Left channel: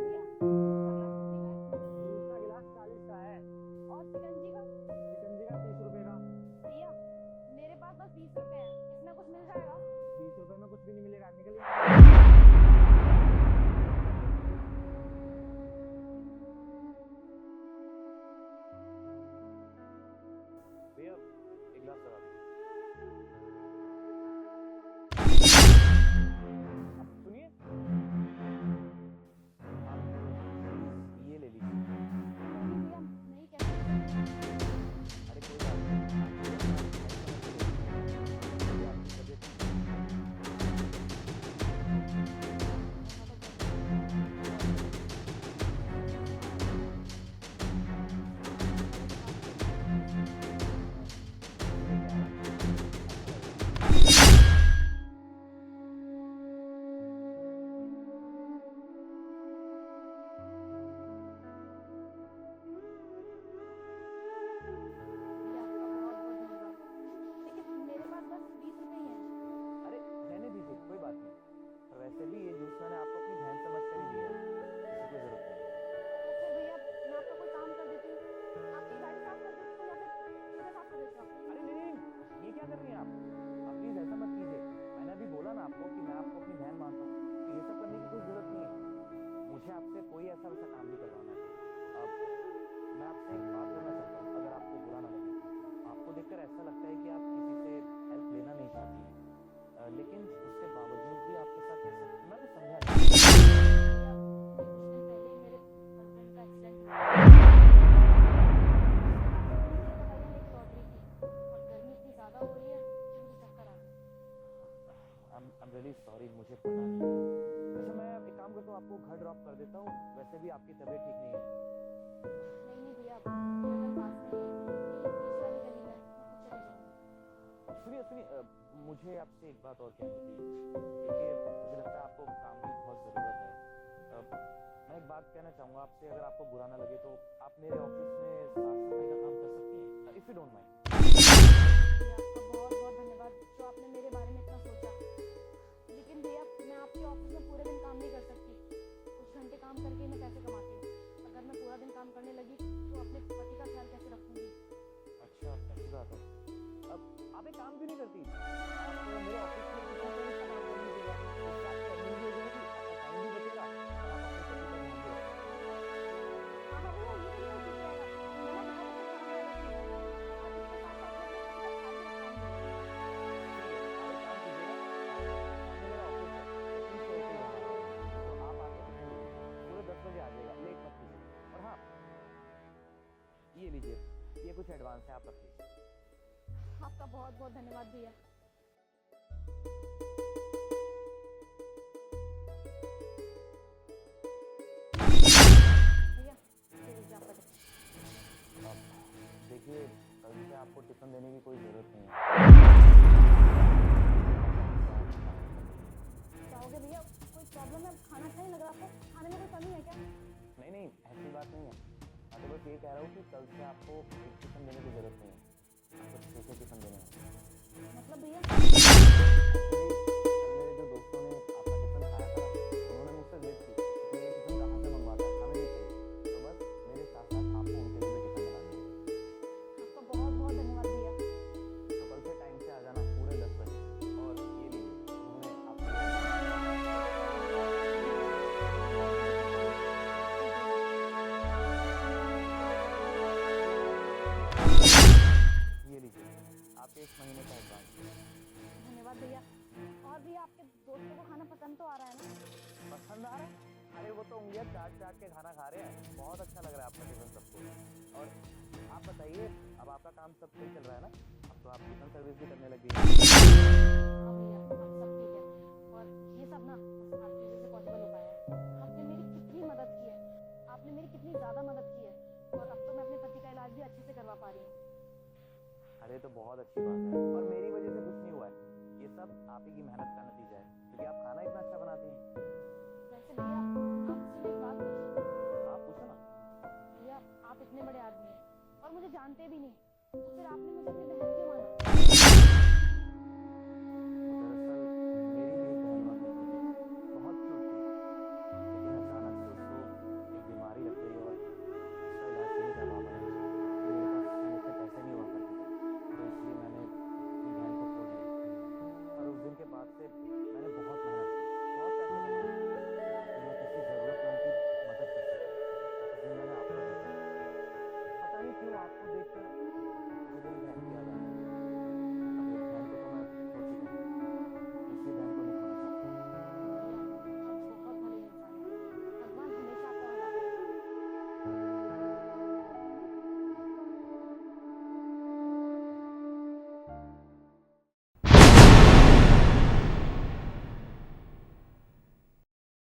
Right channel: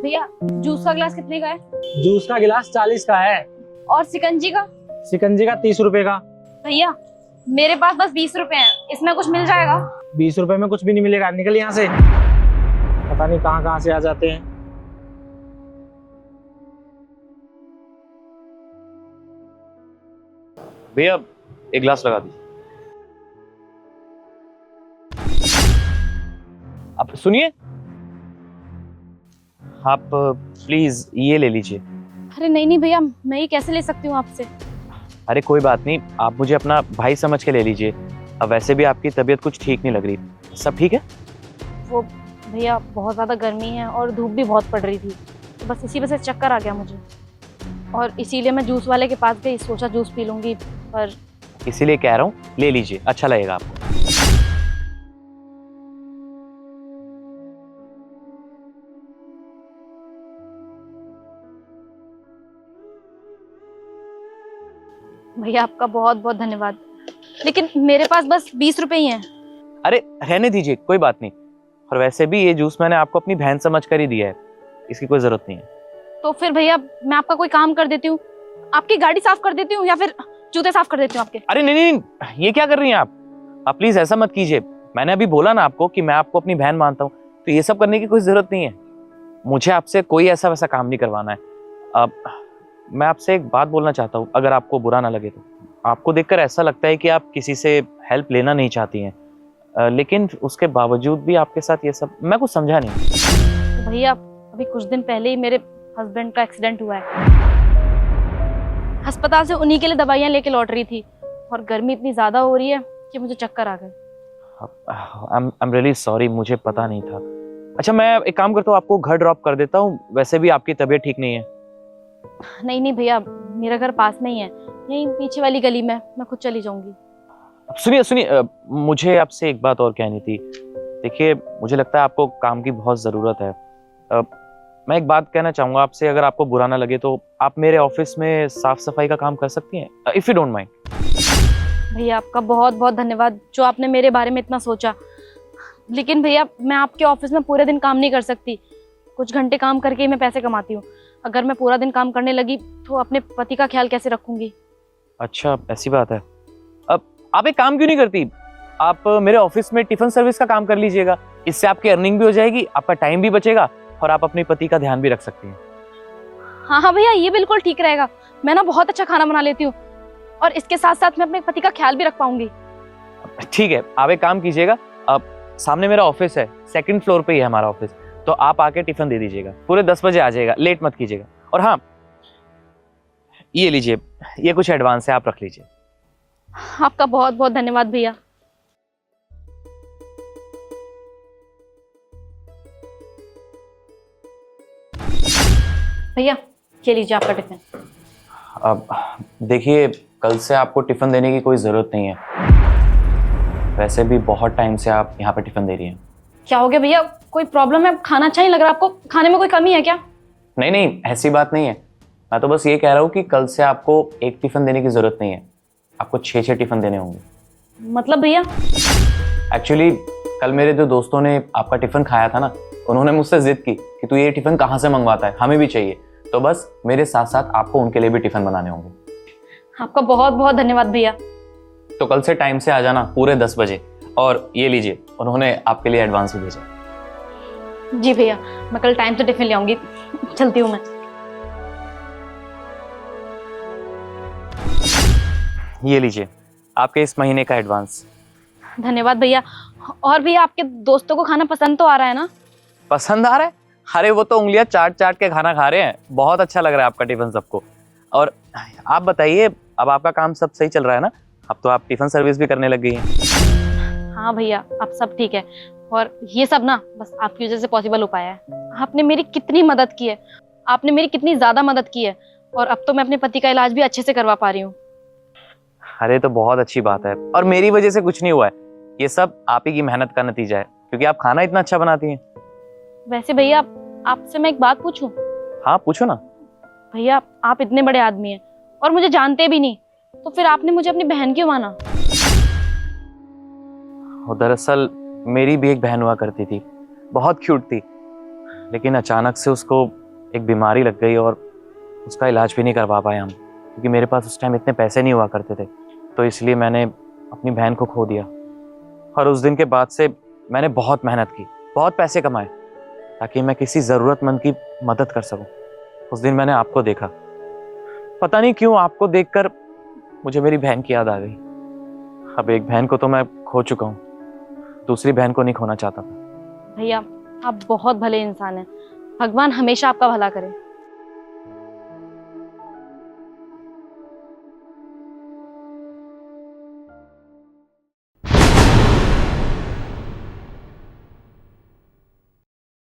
भैया जूस का गिलास कितने का है? जूस का गिलास 40 का है। और शिकंजी का? शिकंजी का 30 रुपए का। भैया मेरे पास बस 20 रुपए हैं, इसमें कुछ मिल जाएगा? 20 रुपए में कुछ भी नहीं मिलेगा, निकल यहाँ से। पता नहीं कहाँ कहाँ से आ जाते हैं। भैया एक गिलास लगा दीजिए। आप सुनिए, आप प्लीज ये ले लीजिए। अरे नहीं नहीं भैया, मैं ये कैसे ले सकती हूँ आपसे? अरे कोई बात नहीं, आप मुझे अपना भाई समझ के ले लीजिए। अब वैसे भी आपकी तबीयत कुछ ठीक नहीं लग रही, सब ठीक है? वो भैया बहुत ज़्यादा गर्मी है और धूप भी बहुत पड़ रही थी, तो बस इसी वजह से चक्कर आ गया मुझे, और इसीलिए मैं जूस वाले के पास गई, सोचा जूस पी लूँगी, पर इसीलिए कह रहा हूँ ले लीजिए, अच्छा लगेगा आपको। भैया आपका बहुत बहुत धन्यवाद, लेकिन मेरे पास बस 20 रुपए ही हैं। अरे रहने दीजिए, कोई बात नहीं। और वैसे भी ये जूस मैंने आपको अपनी बहन समझ कर ही दिया है, इसकी कोई जरूरत नहीं है। तो फिर भैया मैं आपका कोई काम कर देती हूँ, आपकी गाड़ी साफ कर देती हूँ या फिर जूते साफ कर देती हूँ आपके। अरे नहीं नहीं नहीं, ये क्या कर रही हैं आप प्लीज ऐसा मत कीजिए। मैंने अभी बोला ना आपको कि मैं आपको अपनी बहन मानता हूँ, तो ये सब करने की कोई जरूरत नहीं है। मुझे आपसे कोई ऐसा वैसा काम नहीं करवाना है। अब मैं आपसे एक बात बोलना चाहता हूँ, अगर आपको बुरा ना लगे तो। आपको देखकर ऐसा लगता है कि आप किसी से हेल्प लेना नहीं चाहती हैं, लेकिन उसके बावजूद भी आपके साथ ये सब, मैं कुछ समझा नहीं। तो भैया अभी कुछ दिन पहले ही मेरे हस्बैंड का एक्सीडेंट हुआ है, अस्पताल से उन्हीं के लिए दवाइयाँ लेके लौट रही थी, और गर्मी इतनी ज्यादा हो रही है कि मुझे चक्कर आ गए। आई एम रियली सॉरी, मुझे पता नहीं था। अच्छा मैं एक काम करता हूँ, आपको घर ड्रॉप कर देता हूँ, वैसे भी आपकी तबीयत ठीक नहीं है। नहीं नहीं भैया, मेरा घर पास में ही है, यहीं पीछे वाली गली में, मैं खुद चली जाऊंगी। सुनिए सुनिए, मुझे आपसे एक बात और कहनी थी। देखिए मुझे लगता है आपको काम की बहुत ज़रूरत है। मैं एक बात कहना चाहूँगा आपसे, अगर आपको बुरा ना लगे तो आप मेरे ऑफिस में साफ सफाई का काम कर सकती हैं, इफ़ यू डोंट माइंड। भैया आपका बहुत बहुत धन्यवाद जो आपने मेरे बारे में इतना सोचा, लेकिन भैया मैं आपके ऑफिस में पूरे दिन काम नहीं कर सकती, कुछ घंटे काम करके ही मैं पैसे कमाती हूँ। अगर मैं पूरा दिन काम करने लगी तो अपने पति का ख्याल कैसे रखूंगी? अच्छा ऐसी बात है। अब आप एक काम क्यों नहीं करती, आप मेरे ऑफिस में टिफिन सर्विस का काम कर लीजिएगा। इससे आपकी अर्निंग भी हो जाएगी, आपका टाइम भी बचेगा, और आप अपने पति का ध्यान भी रख सकती हैं। हाँ हाँ भैया, ये बिल्कुल ठीक रहेगा। मैं ना बहुत अच्छा खाना बना लेती हूँ, और इसके साथ साथ मैं अपने पति का ख्याल भी रख पाऊंगी। ठीक है, आप एक काम कीजिएगा, अब सामने मेरा ऑफिस है, 2nd फ्लोर पे ही है हमारा ऑफिस, तो आप आके टिफिन दे दीजिएगा, पूरे 10 बजे आ जाइएगा, लेट मत कीजिएगा। और हाँ ये लीजिए, ये कुछ एडवांस है, आप रख लीजिए। आपका बहुत बहुत धन्यवाद भैया। भैया ये लीजिए आपका टिफिन। अब देखिए, कल से आपको टिफिन देने की कोई ज़रूरत नहीं है, वैसे भी बहुत टाइम से आप यहाँ पे टिफिन दे रही हैं। क्या हो गया भैया, कोई प्रॉब्लम है? खाना अच्छा नहीं लग रहा आपको? खाने में कोई कमी है क्या? नहीं नहीं, ऐसी बात नहीं है। मैं तो बस ये कह रहा हूँ कि कल से आपको एक टिफिन देने की ज़रूरत नहीं है, आपको 6 टिफिन देने होंगे। मतलब भैया? एक्चुअली कल मेरे जो दोस्तों ने आपका टिफिन खाया था ना, उन्होंने मुझसे जिद की कि तू ये टिफिन कहाँ से मंगवाता है, हमें भी चाहिए। तो बस मेरे साथ साथ आपको उनके लिए भी टिफिन बनाने होंगे। आपका बहुत बहुत धन्यवाद भैया। तो कल से टाइम से आ जाना, पूरे 10 बजे। और ये लीजिए, उन्होंने आपके लिए एडवांस भी भेजा। जी भैया, मैं कल टाइम से टिफिन ले आऊंगी। चलती हूँ मैं। ये लीजिए आपके इस महीने का एडवांस। धन्यवाद भैया। और भैया आपके दोस्तों को खाना पसंद तो आ रहा है ना? पसंद आ रहा है? अरे वो तो उंगलियां चाट चाट के खाना खा रहे हैं, बहुत अच्छा लग रहा है आपका टिफिन सबको। और आप बताइए, अब आपका काम सब सही चल रहा है ना? अब तो आप टिफिन सर्विस भी करने लग गई हैं। हाँ भैया, अब सब ठीक है, और ये सब ना बस आपकी वजह से पॉसिबल हो पाया है। आपने मेरी कितनी मदद की है, आपने मेरी कितनी ज्यादा मदद की है, और अब तो मैं अपने पति का इलाज भी अच्छे से करवा पा रही हूँ। अरे तो बहुत अच्छी बात है, और मेरी वजह से कुछ नहीं हुआ है, ये सब आप ही की मेहनत का नतीजा है, क्योंकि आप खाना इतना अच्छा बनाती हैं। वैसे भैया आपसे मैं एक बात पूछूं? हाँ पूछो ना। भैया आप इतने बड़े आदमी हैं और मुझे जानते भी नहीं, तो फिर आपने मुझे अपनी बहन क्यों माना? दरअसल मेरी भी एक बहन हुआ करती थी, बहुत क्यूट थी। लेकिन अचानक से उसको एक बीमारी लग गई और उसका इलाज भी नहीं करवा पाए हम, क्योंकि मेरे पास उस टाइम इतने पैसे नहीं हुआ करते थे। तो इसलिए मैंने अपनी बहन को खो दिया। और उस दिन के बाद से मैंने बहुत मेहनत की, बहुत पैसे कमाए ताकि मैं किसी ज़रूरतमंद की मदद कर सकूं। उस दिन मैंने आपको देखा, पता नहीं क्यों आपको देखकर मुझे मेरी बहन की याद आ गई। अब एक बहन को तो मैं खो चुका हूँ, दूसरी बहन को नहीं खोना चाहता। भैया आप बहुत भले इंसान हैं, भगवान हमेशा आपका भला करे।